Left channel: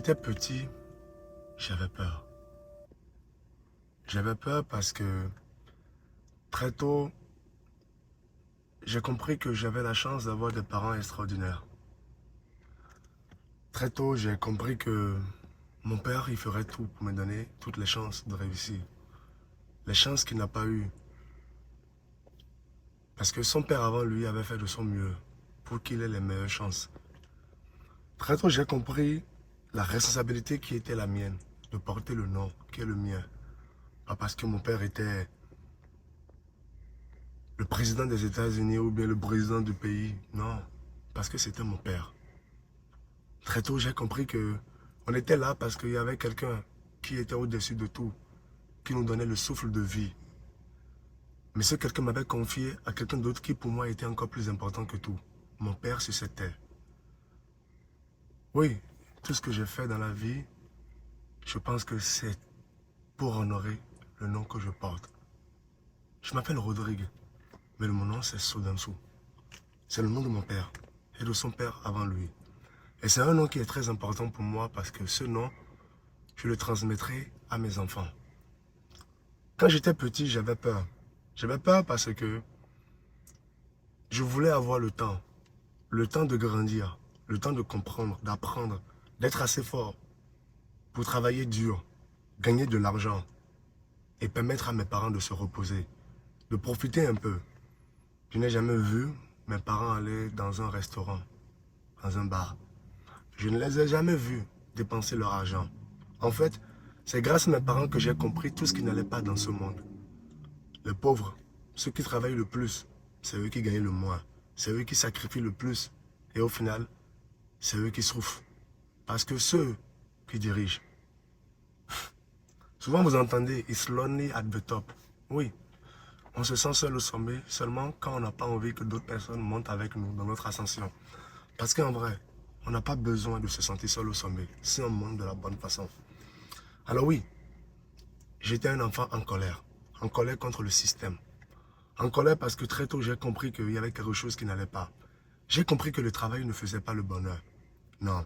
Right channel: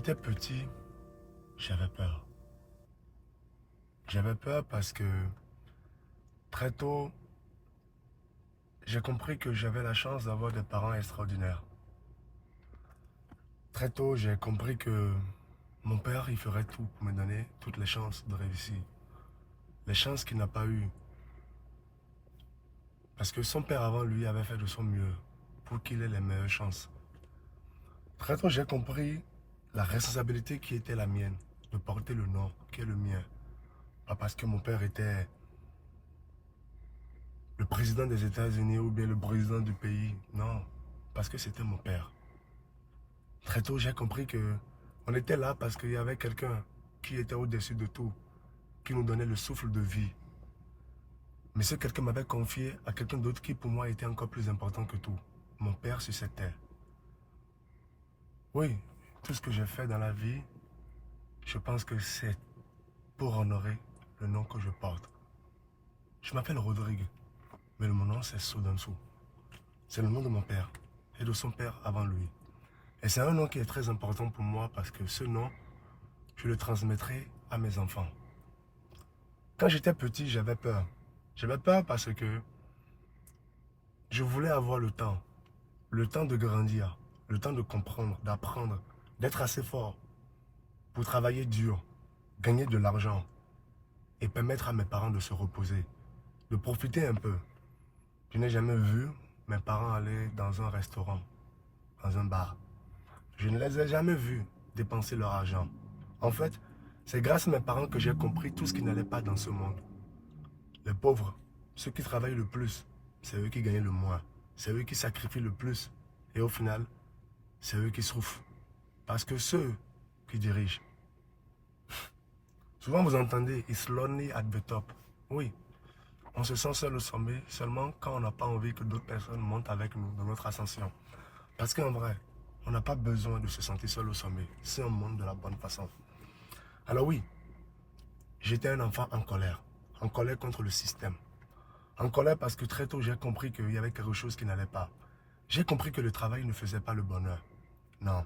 j'étais petit, j'avais peur. J'avais peur parce que très tôt, j'ai compris que j'avais la chance d'avoir des parents extraordinaires. Très tôt, j'ai compris que mon père, il ferait tout pour me donner toutes les chances de réussir. Les chances qu'il n'a pas eues. Parce que son père avant lui avait fait de son mieux pour qu'il ait les meilleures chances. Très tôt, j'ai compris la responsabilité qui était la mienne de porter le nom qui est le mien. Pas parce que mon père était le président des États-Unis ou bien le président du pays. Non, parce que c'était mon père. Très tôt, j'ai compris que on était là parce qu'il y avait quelqu'un qui était au-dessus de tout, qui nous donnait le souffle de vie. Mais ce quelqu'un m'avait confié à quelqu'un d'autre qui pour moi était encore plus important que tout. Mon père sur cette terre. Oui, tout ce que j'ai fait dans la vie, je pense que c'est pour honorer le nom que je porte. Je m'appelle Rodrigue, mais mon nom c'est Sodansou. C'est le nom de mon père et de son père avant lui. Et c'est un nom qui est très important pour moi parce que ce nom, je le transmettrai à mes enfants. Quand j'étais petit, j'avais peur. J'avais peur parce que je voulais avoir le temps de grandir, le temps de comprendre, d'apprendre, d'être assez fort pour travailler dur, gagner de l'argent et permettre à mes parents de se reposer, de profiter un peu. Je n'ai jamais vu mes parents aller dans un restaurant, dans un bar. Je ne les ai jamais vus dépenser leur argent. En fait, c'est grâce à mes parents que j'ai compris tout ce qui n'allait pas dans ce monde. Les pauvres, ceux qui travaillent le plus, c'est eux qui gagnent le moins. C'est eux qui sacrifient le plus. Et au final, c'est eux qui souffrent. Parce que ceux qui dirigent, souvent vous entendez, it's lonely at the top. Oui, on se sent seul au sommet seulement quand on n'a pas envie que d'autres personnes montent avec nous dans notre ascension. Parce qu'en vrai, on n'a pas besoin de se sentir seul au sommet si on monte de la bonne façon. Alors oui, j'étais un enfant en colère contre le système. En colère parce que très tôt j'ai compris qu'il y avait quelque chose qui n'allait pas. J'ai compris que le travail ne faisait pas le bonheur. Non,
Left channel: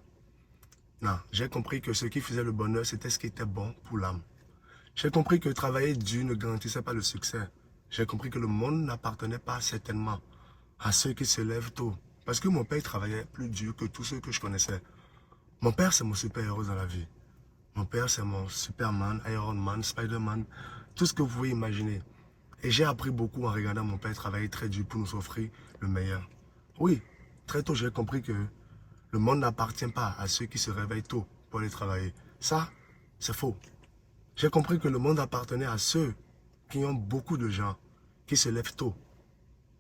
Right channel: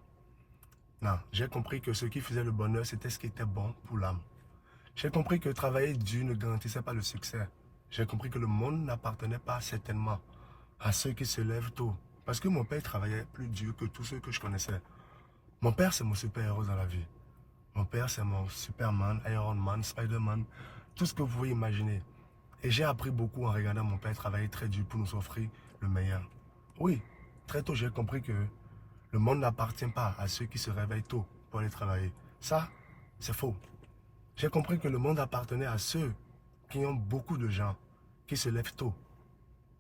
non, j'ai compris que ce qui faisait le bonheur, c'était ce qui était bon pour l'âme. J'ai compris que travailler dur ne garantissait pas le succès. J'ai compris que le monde n'appartenait pas certainement à ceux qui se lèvent tôt. Parce que mon père travaillait plus dur que tous ceux que je connaissais. Mon père, c'est mon super-héros dans la vie. Mon père, c'est mon Superman, Iron Man, Spider-Man, tout ce que vous pouvez imaginer. Et j'ai appris beaucoup en regardant mon père travailler très dur pour nous offrir le meilleur. Oui, très tôt, j'ai compris que le monde n'appartient pas à ceux qui se réveillent tôt pour aller travailler. Ça, c'est faux. J'ai compris que le monde appartenait à ceux qui ont beaucoup de gens qui se lèvent tôt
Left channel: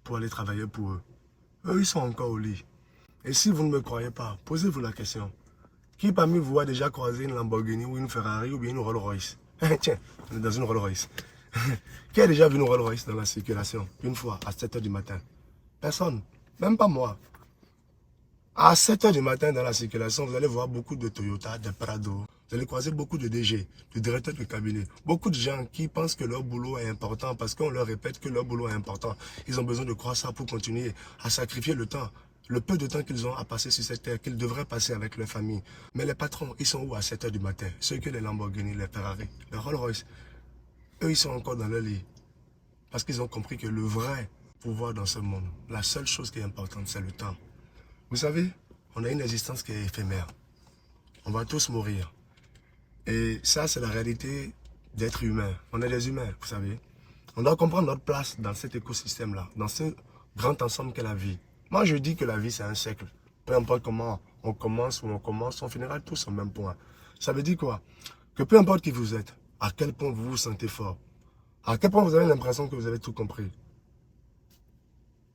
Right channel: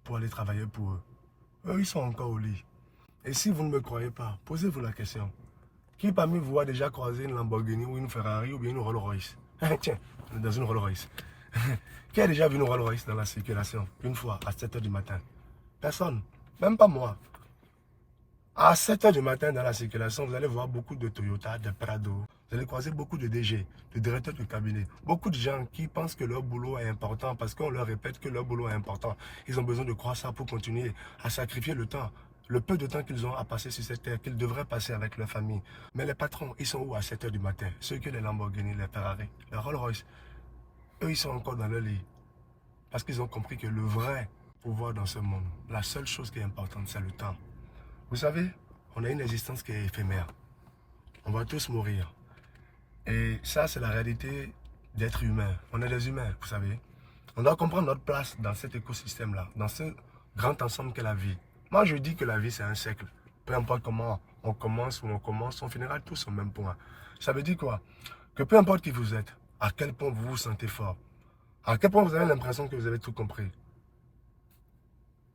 pour aller travailler pour eux. Eux, ils sont encore au lit. Et si vous ne me croyez pas, posez-vous la question. Qui parmi vous a déjà croisé une Lamborghini ou une Ferrari ou bien une Rolls-Royce? Tiens, on est dans une Rolls-Royce. Qui a déjà vu une Rolls-Royce dans la circulation une fois à 7 h du matin? Personne, même pas moi. À 7 h du matin dans la circulation, vous allez voir beaucoup de Toyota, de Prado. Vous allez croiser beaucoup de DG, de directeurs de cabinet. Beaucoup de gens qui pensent que leur boulot est important parce qu'on leur répète que leur boulot est important. Ils ont besoin de croire ça pour continuer à sacrifier le temps. Le peu de temps qu'ils ont à passer sur cette terre, qu'ils devraient passer avec leur famille. Mais les patrons, ils sont où à 7 h du matin? Ceux qui ont les Lamborghini, les Ferrari, les Rolls-Royce, eux, ils sont encore dans leur lit. Parce qu'ils ont compris que le vrai pouvoir dans ce monde, la seule chose qui est importante, c'est le temps. Vous savez, on a une existence qui est éphémère. On va tous mourir. Et ça, c'est la réalité d'être humain. On est des humains, vous savez. On doit comprendre notre place dans cet écosystème-là, dans ce grand ensemble qu'est la vie. Moi, je dis que la vie, c'est un cercle. Peu importe comment on commence ou on commence, on finira tous au même point. Ça veut dire quoi? Que peu importe qui vous êtes, à quel point vous vous sentez fort, à quel point vous avez l'impression que vous avez tout compris.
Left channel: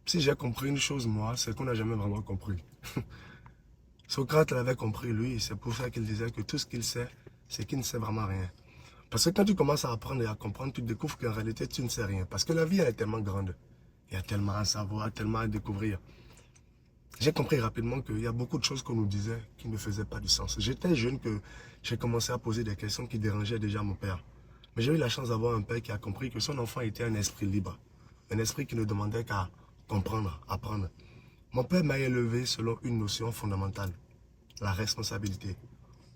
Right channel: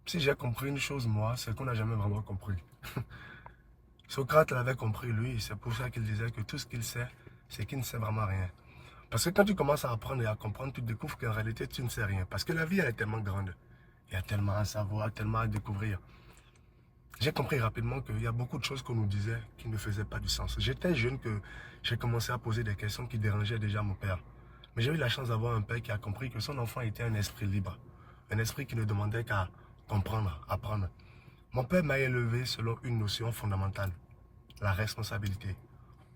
Si j'ai compris une chose, moi, c'est qu'on n'a jamais vraiment compris. Socrate l'avait compris, lui. C'est pour ça qu'il disait que tout ce qu'il sait, c'est qu'il ne sait vraiment rien. Parce que quand tu commences à apprendre et à comprendre, tu découvres qu'en réalité, tu ne sais rien. Parce que la vie, elle est tellement grande. Il y a tellement à savoir, tellement à découvrir. J'ai compris rapidement qu'il y a beaucoup de choses qu'on nous disait qui ne faisaient pas du sens. J'étais jeune que j'ai commencé à poser des questions qui dérangeaient déjà mon père. Mais j'ai eu la chance d'avoir un père qui a compris que son enfant était un esprit libre. Un esprit qui ne demandait qu'à comprendre, apprendre. Mon père m'a élevé selon une notion fondamentale, la responsabilité.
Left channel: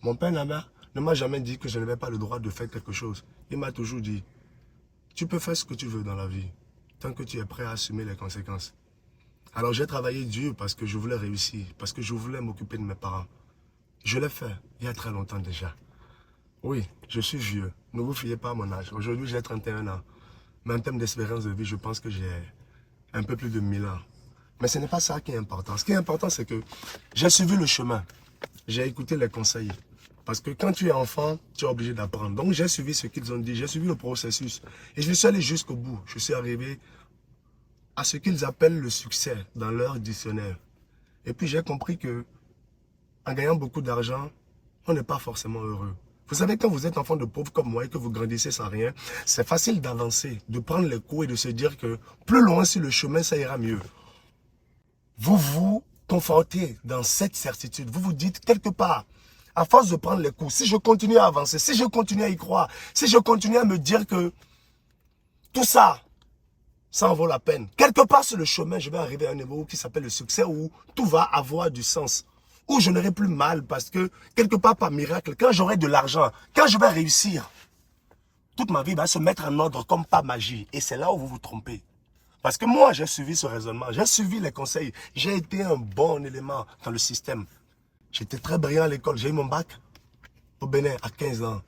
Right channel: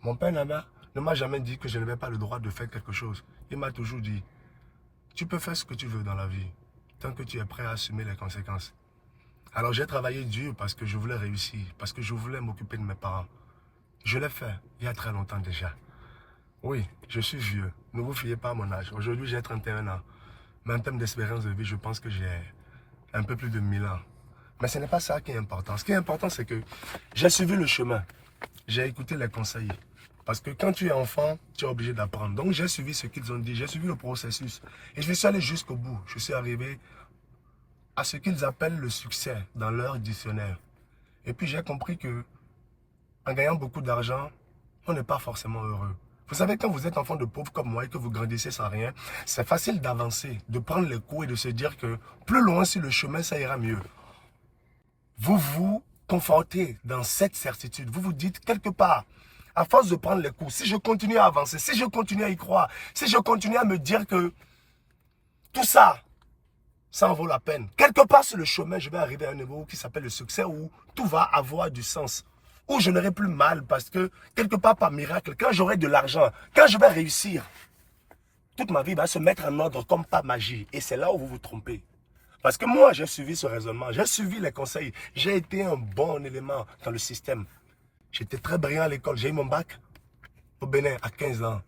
Mon père ne m'a jamais dit que je n'avais pas le droit de faire quelque chose. Il m'a toujours dit, tu peux faire ce que tu veux dans la vie, tant que tu es prêt à assumer les conséquences. Alors j'ai travaillé dur parce que je voulais réussir, parce que je voulais m'occuper de mes parents. Je l'ai fait il y a très longtemps déjà. Oui, je suis vieux. Ne vous fiez pas à mon âge. Aujourd'hui, j'ai 31 ans. Mais en termes d'espérance de vie, je pense que j'ai un peu plus de 1000 ans. Mais ce n'est pas ça qui est important. Ce qui est important, c'est que j'ai suivi le chemin. J'ai écouté les conseils. Parce que quand tu es enfant, tu es obligé d'apprendre. Donc j'ai suivi ce qu'ils ont dit. J'ai suivi le processus. Et je suis allé jusqu'au bout. Je suis arrivé à ce qu'ils appellent le succès dans leur dictionnaire. Et puis j'ai compris que en gagnant beaucoup d'argent, on n'est pas forcément heureux. Vous savez, quand vous êtes enfant de pauvre comme moi et que vous grandissez sans rien, c'est facile d'avancer, de prendre les coups et de se dire que plus loin sur le chemin, ça ira mieux. Vous vous confortez dans cette certitude. Vous vous dites quelque part, à force de prendre les coups, si je continue à avancer, si je continue à y croire, si je continue à me dire que tout ça, ça en vaut la peine. Quelque part sur le chemin, je vais arriver à un niveau qui s'appelle le succès où tout va avoir du sens. Où je n'aurai plus mal parce que quelque part par miracle, quand j'aurai de l'argent, quand je vais réussir, toute ma vie va se mettre en ordre comme par magie. Et c'est là où vous vous trompez. Parce que moi, j'ai suivi ce raisonnement, j'ai suivi les conseils. J'ai été un bon élément dans le système. J'étais très brillant à l'école. J'ai eu mon bac au Bénin à 15 ans.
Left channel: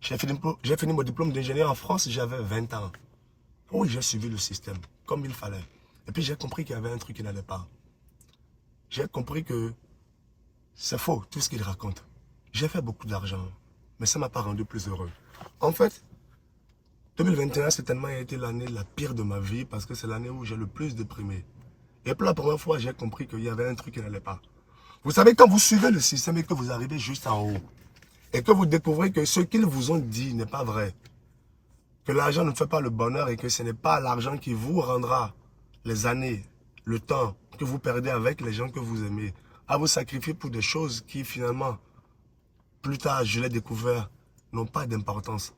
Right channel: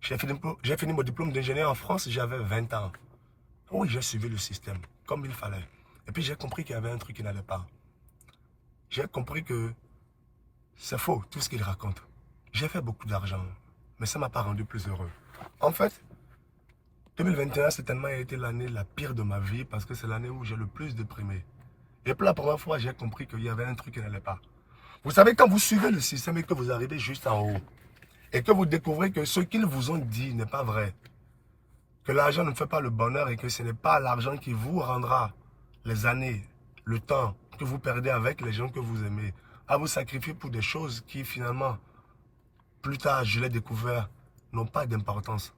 J'ai fini mon diplôme d'ingénieur en France, j'avais 20 ans. Oui, j'ai suivi le système comme il fallait. Et puis j'ai compris qu'il y avait un truc qui n'allait pas. J'ai compris que c'est faux, tout ce qu'il raconte. J'ai fait beaucoup d'argent, mais ça ne m'a pas rendu plus heureux. En fait, 2021, certainement, a été l'année la pire de ma vie parce que c'est l'année où j'ai le plus déprimé. Et pour la première fois, j'ai compris qu'il y avait un truc qui n'allait pas. Vous savez, quand vous suivez le système et que vous arrivez juste en haut, et que vous découvrez que ce qu'ils vous ont dit n'est pas vrai, que l'argent ne fait pas le bonheur et que ce n'est pas l'argent qui vous rendra les années, le temps que vous perdez avec les gens que vous aimez, à vous sacrifier pour des choses qui finalement, plus tard, je l'ai découvert, n'ont pas d'importance.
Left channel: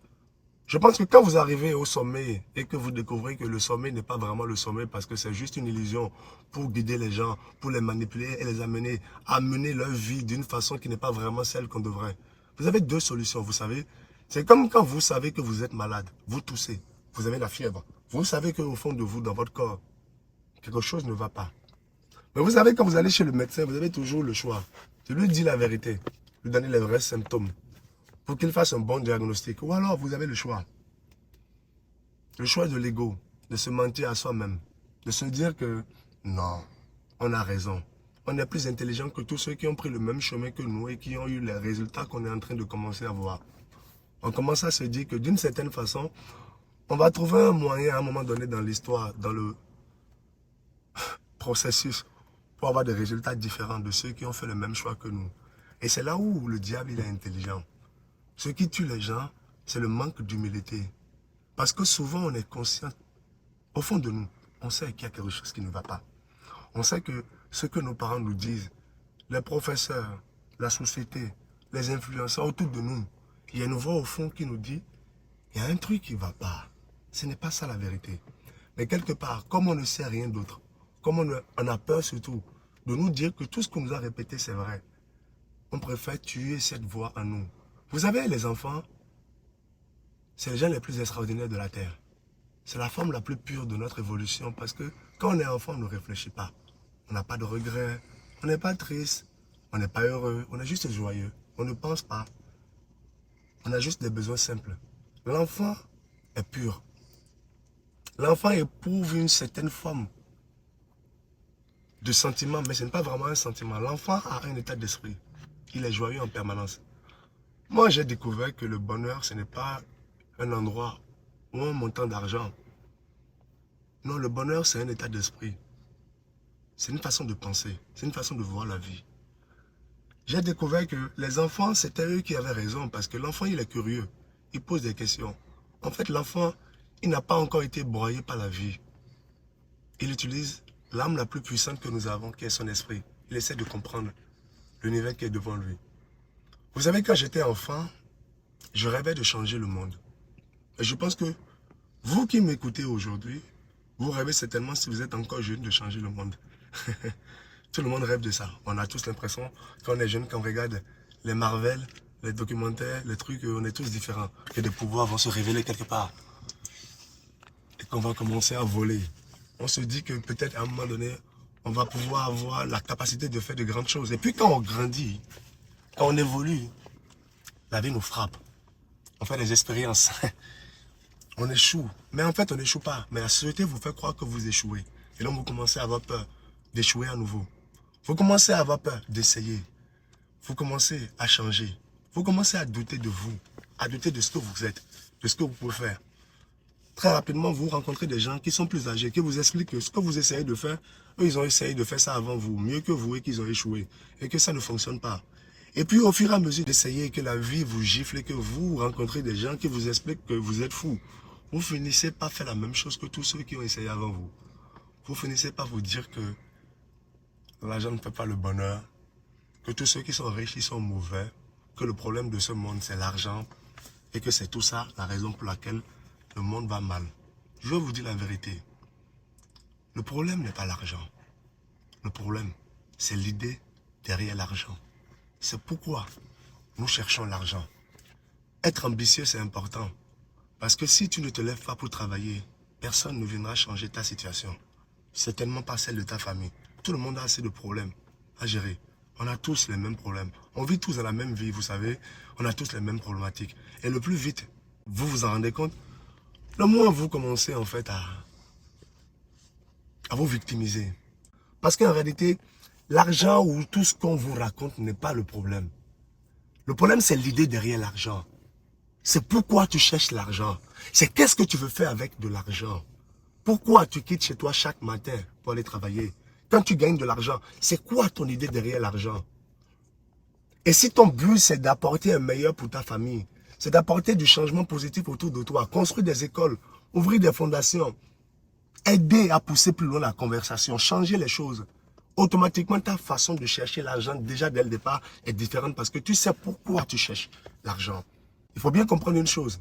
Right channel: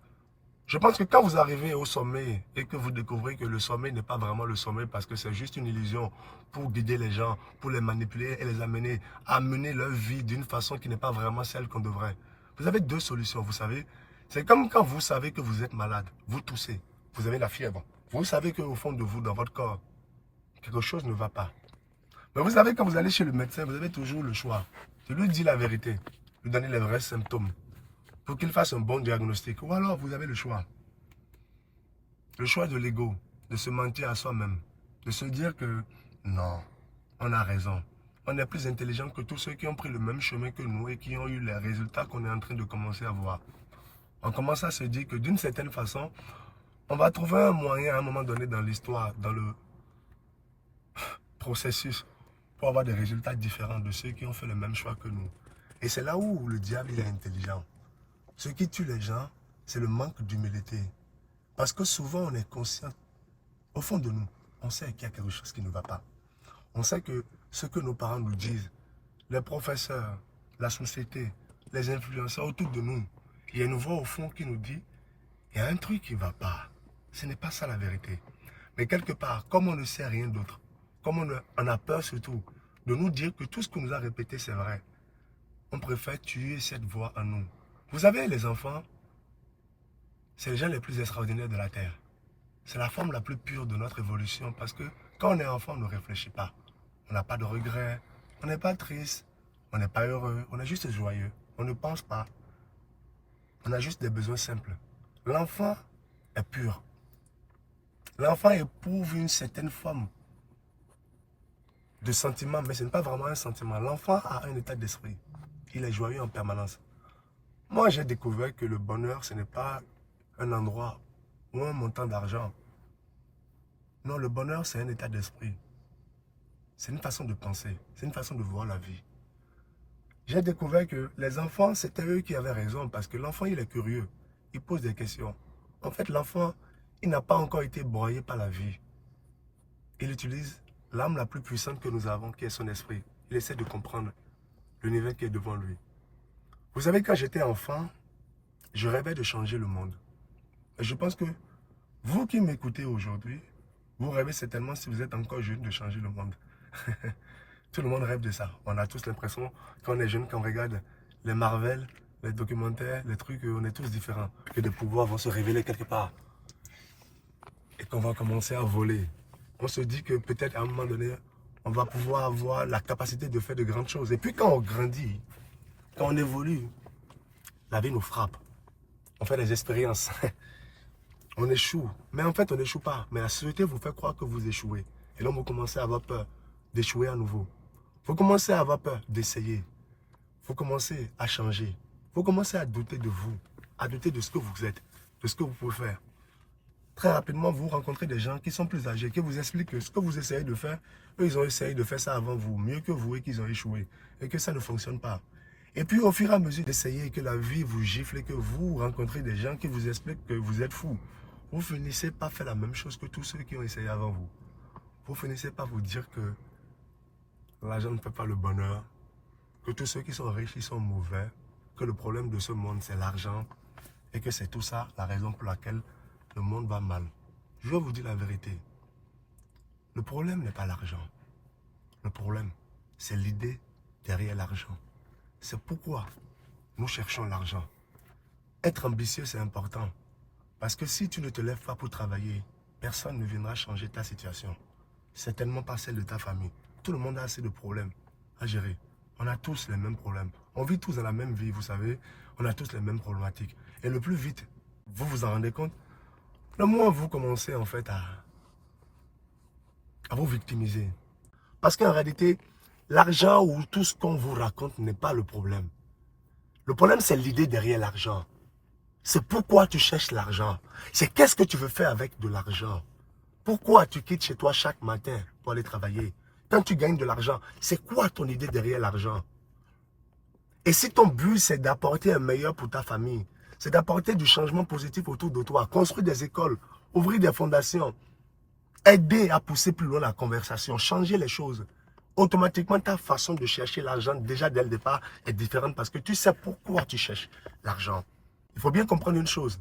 Je pense que quand vous arrivez au sommet et que vous découvrez que le sommet n'est pas vraiment le sommet parce que c'est juste une illusion pour guider les gens, pour les manipuler et les amener à mener leur vie d'une façon qui n'est pas vraiment celle qu'on devrait. Vous avez deux solutions, vous savez. C'est comme quand vous savez que vous êtes malade, vous toussez, vous avez la fièvre. Vous savez qu'au fond de vous, dans votre corps, quelque chose ne va pas. Mais vous savez, quand vous allez chez le médecin, vous avez toujours le choix de lui dire la vérité, de lui donner les vrais symptômes pour qu'il fasse un bon diagnostic. Ou alors, vous avez le choix. Le choix de l'ego, de se mentir à soi-même, de se dire que non, on a raison. On est plus intelligent que tous ceux qui ont pris le même chemin que nous et qui ont eu les résultats qu'on est en train de commencer à voir. On commence à se dire que d'une certaine façon, on va trouver un moyen à un moment donné dans l'histoire, dans le processus, pour avoir des résultats différents de ceux qui ont fait le même choix que nous. Et c'est là où le diable il est intelligent. Ce qui tue les gens, c'est le manque d'humilité. Parce que souvent, on est conscient, au fond de nous, on sait qu'il y a quelque chose qui ne va pas. On sait que ce que nos parents nous disent, les professeurs, la société, les influenceurs autour de nous, il y a une voix au fond qui nous dit, il y a un truc qui ne va pas. Ce n'est pas ça la vérité. Mais quelque part, comme on ne sait rien d'autre, comme on a peur surtout de nous dire que tout ce qu'on nous a répété, c'est vrai, on préfère tuer cette voix en nous. Vous savez, les enfants, c'est les gens les plus extraordinaires de la Terre. C'est la forme la plus pure de notre évolution parce que quand on est enfant, on ne réfléchit pas. On n'a pas de regrets, on n'est pas triste, on n'est pas heureux, on est juste joyeux. On ne pense pas. On a juste des besoins simples. L'enfant est pur. L'enfant éprouve une certaine forme de sentiment, mais ce n'est pas vraiment un sentiment. L'enfant a un état d'esprit. Il est joyeux en permanence. Moi, j'ai découvert que le bonheur, ce n'est pas un endroit ou un montant d'argent. Non, le bonheur, c'est un état d'esprit. C'est une façon de penser. C'est une façon de voir la vie. J'ai découvert que les enfants, c'était eux qui avaient raison parce que l'enfant, il est curieux. Il pose des questions. En fait, l'enfant, il n'a pas encore été broyé par la vie. Il utilise l'âme la plus puissante que nous avons, qui est son esprit. Il essaie de comprendre l'univers qui est devant lui. Vous savez, quand j'étais enfant, je rêvais de changer le monde. Et je pense que vous qui m'écoutez aujourd'hui, vous rêvez certainement, si vous êtes encore jeune, de changer le monde. Tout le monde rêve de ça. On a tous l'impression, quand on est jeune, quand on regarde les Marvel, les documentaires, les trucs, on est tous différents. Que des pouvoirs vont se révéler quelque part. Et qu'on va commencer à voler. On se dit que peut-être à un moment donné, on va pouvoir avoir la capacité de faire de grandes choses. Et puis quand on grandit, quand on évolue, la vie nous frappe. On fait des expériences. On échoue. Mais en fait, on n'échoue pas. Mais la société vous fait croire que vous échouez. Et donc, vous commencez à avoir peur d'échouer à nouveau. Vous commencez à avoir peur d'essayer. Vous commencez à changer. Vous commencez à douter de vous, à douter de ce que vous êtes, de ce que vous pouvez faire. Très rapidement, vous rencontrez des gens qui sont plus âgés, qui vous expliquent que ce que vous essayez de faire, eux, ils ont essayé de faire ça avant vous, mieux que vous, et qu'ils ont échoué, et que ça ne fonctionne pas. Et puis, au fur et à mesure d'essayer, que la vie vous gifle, et que vous rencontrez des gens qui vous expliquent que vous êtes fou, vous finissez par faire la même chose que tous ceux qui ont essayé avant vous. Vous finissez par vous dire que l'argent ne fait pas le bonheur, que tous ceux qui sont riches, ils sont mauvais, que le problème de ce monde, c'est l'argent, et que c'est tout ça la raison pour laquelle le monde va mal. Je vais vous dire la vérité. Le problème n'est pas l'argent. Le problème, c'est l'idée derrière l'argent. C'est pourquoi nous cherchons l'argent. Être ambitieux, c'est important. Parce que si tu ne te lèves pas pour travailler, personne ne viendra changer ta situation. Certainement pas celle de ta famille. Tout le monde a assez de problèmes à gérer. On a tous les mêmes problèmes. On vit tous dans la même vie, vous savez. On a tous les mêmes problématiques. Et le plus vite, vous vous en rendez compte, le moins vous commencez en fait à vous victimiser. Parce qu'en réalité, l'argent ou tout ce qu'on vous raconte n'est pas le problème. Le problème, c'est l'idée derrière l'argent. C'est pourquoi tu cherches l'argent. C'est qu'est-ce que tu veux faire avec de l'argent. Pourquoi tu quittes chez toi chaque matin pour aller travailler? Quand tu gagnes de l'argent, c'est quoi ton idée derrière l'argent? Et si ton but, c'est d'apporter un meilleur pour ta famille, c'est d'apporter du changement positif autour de toi, construire des écoles, ouvrir des fondations, aider à pousser plus loin la conversation, changer les choses, automatiquement ta façon de chercher l'argent déjà dès le départ est différente parce que tu sais pourquoi tu cherches l'argent. Il faut bien comprendre une chose.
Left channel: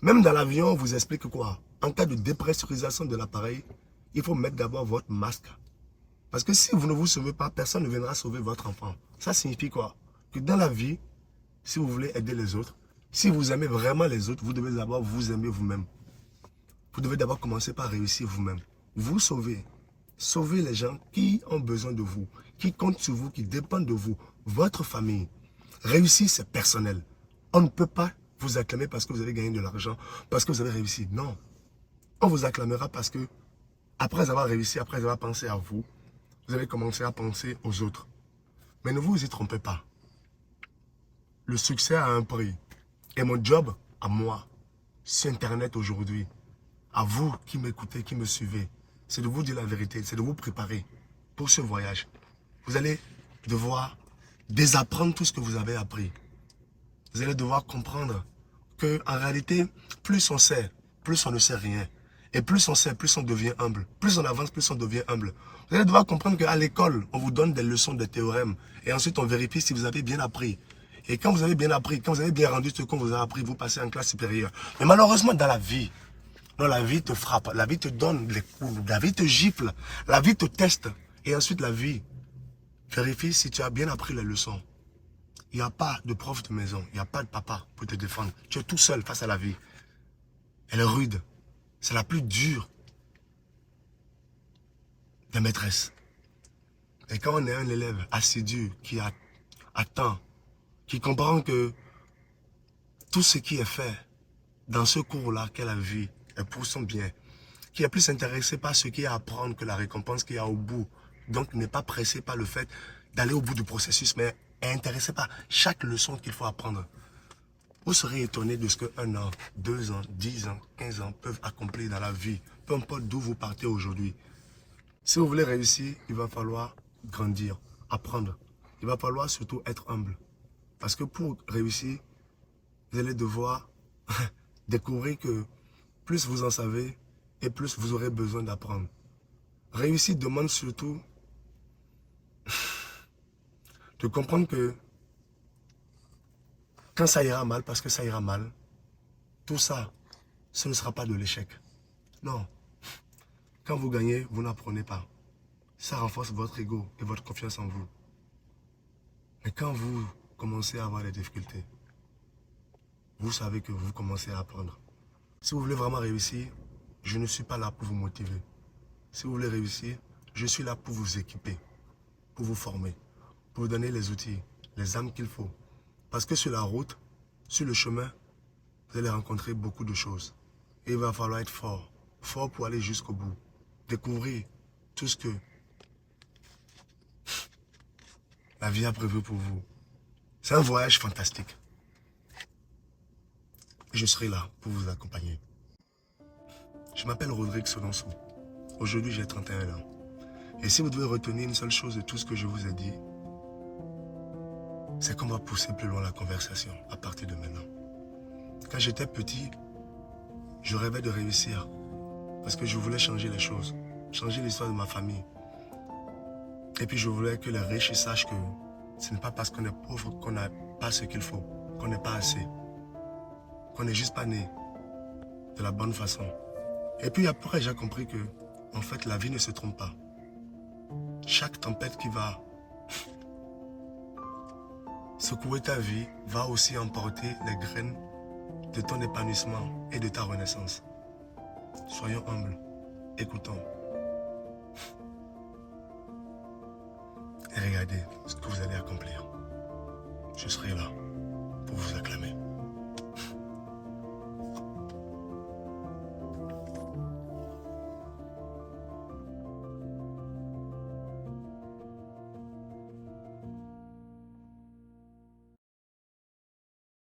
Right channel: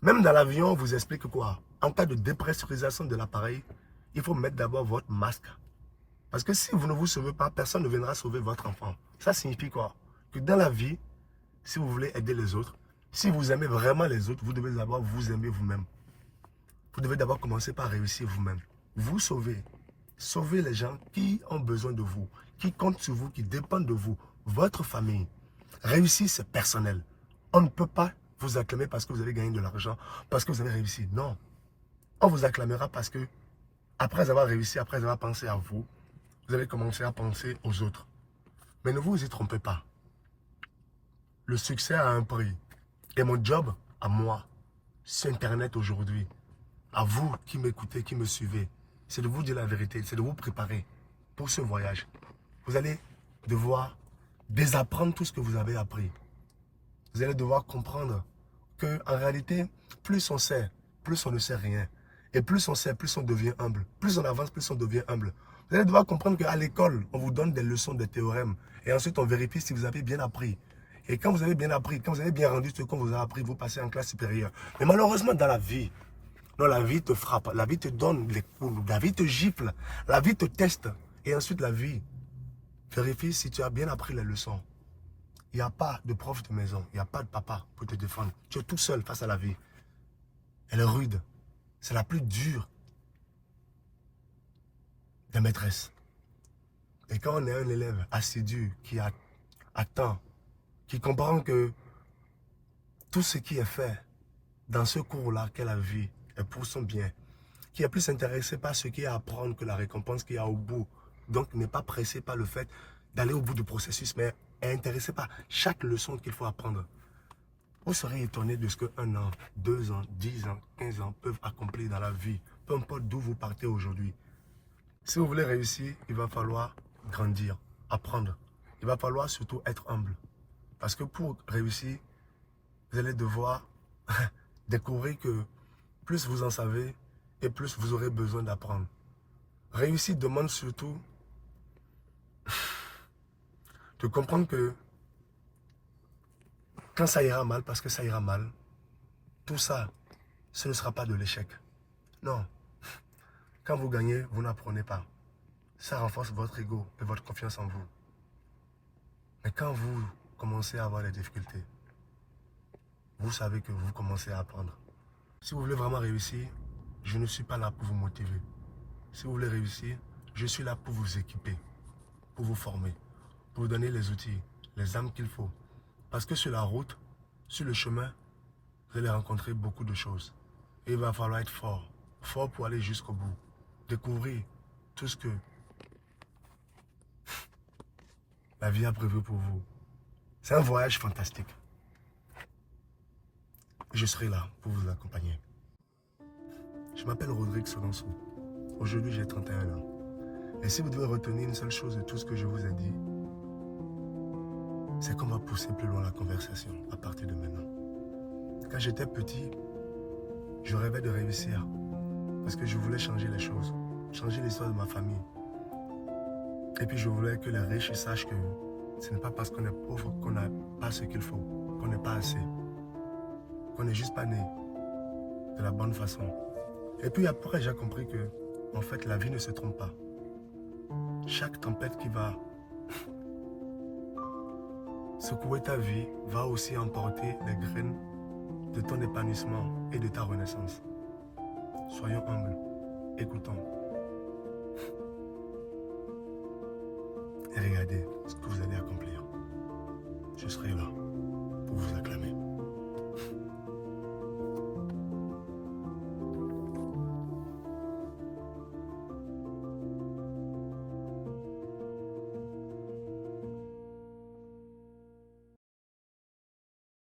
Même dans l'avion, on vous explique quoi? En cas de dépressurisation de l'appareil, il faut mettre d'abord votre masque. Parce que si vous ne vous sauvez pas, personne ne viendra sauver votre enfant. Ça signifie quoi? Que dans la vie, si vous voulez aider les autres, si vous aimez vraiment les autres, vous devez d'abord vous aimer vous-même. Vous devez d'abord commencer par réussir vous-même. Vous sauvez. Sauvez les gens qui ont besoin de vous, qui comptent sur vous, qui dépendent de vous, votre famille. Réussir, c'est personnel. On ne peut pas vous acclamer parce que vous avez gagné de l'argent, parce que vous avez réussi. Non. On vous acclamera parce que, après avoir réussi, après avoir pensé à vous, vous avez commencé à penser aux autres. Mais ne vous y trompez pas. Le succès a un prix. Et mon job, à moi, sur Internet aujourd'hui, à vous qui m'écoutez, qui me suivez, c'est de vous dire la vérité, c'est de vous préparer pour ce voyage. Vous allez devoir désapprendre tout ce que vous avez appris. Vous allez devoir comprendre qu'en réalité, plus on sait, plus on ne sait rien. Et plus on sait, plus on devient humble. Plus on avance, plus on devient humble. Vous allez devoir comprendre qu'à l'école, on vous donne des leçons, des théorèmes. Et ensuite, on vérifie si vous avez bien appris. Et quand vous avez bien appris, quand vous avez bien rendu ce qu'on vous a appris, vous passez en classe supérieure. Mais malheureusement, dans la vie, non, la vie te frappe, la vie te donne les coups, la vie te gifle, la vie te teste. Et ensuite, la vie vérifie si tu as bien appris les leçons. Il n'y a pas de prof de maison, il n'y a pas de papa pour te défendre. Tu es tout seul face à la vie. Elle est rude. C'est la plus dure des maîtresses. Et quand on est un élève assidu qui attend, qui comprend que tout ce qui est fait dans ce cours-là qu'elle a vu est pour son bien, qui est plus intéressé par ce qu'il y a à apprendre que la récompense qu'il y a au bout, donc n'est pas pressé par le fait d'aller au bout du processus, mais est intéressé par chaque leçon qu'il faut apprendre. Vous serez étonné de ce que 1 an, 2 ans, 10 ans, 15 ans peuvent accomplir dans la vie, peu importe d'où vous partez aujourd'hui. Si vous voulez réussir, il va falloir grandir, apprendre. Il va falloir surtout être humble. Parce que pour réussir, vous allez devoir découvrir que plus vous en savez et plus vous aurez besoin d'apprendre. Réussir demande surtout de comprendre que quand ça ira mal, parce que ça ira mal, tout ça, ce ne sera pas de l'échec. Non. Quand vous gagnez, vous n'apprenez pas. Ça renforce votre ego et votre confiance en vous. Mais quand vous commencez à avoir des difficultés, vous savez que vous commencez à apprendre. Si vous voulez vraiment réussir, je ne suis pas là pour vous motiver. Si vous voulez réussir, je suis là pour vous équiper, pour vous former, pour vous donner les outils, les armes qu'il faut. Parce que sur la route, sur le chemin, vous allez rencontrer beaucoup de choses. Et il va falloir être fort. Fort pour aller jusqu'au bout. Découvrir tout ce que la vie a prévu pour vous. C'est un voyage fantastique. Je serai là pour vous accompagner. Je m'appelle Rodrigue Solonso. Aujourd'hui, j'ai 31 ans. Et si vous devez retenir une seule chose de tout ce que je vous ai dit, c'est qu'on va pousser plus loin la conversation à partir de maintenant. Quand j'étais petit, je rêvais de réussir parce que je voulais changer les choses, changer l'histoire de ma famille. Et puis je voulais que les riches sachent que ce n'est pas parce qu'on est pauvre qu'on n'a pas ce qu'il faut, qu'on n'est pas assez, qu'on n'est juste pas né de la bonne façon. Et puis après, j'ai compris que, en fait, la vie ne se trompe pas. Chaque tempête qui va secouer ta vie va aussi emporter les graines de ton épanouissement et de ta renaissance. Soyons humbles, écoutons. Et regardez ce que vous allez accomplir. Je serai là pour vous acclamer.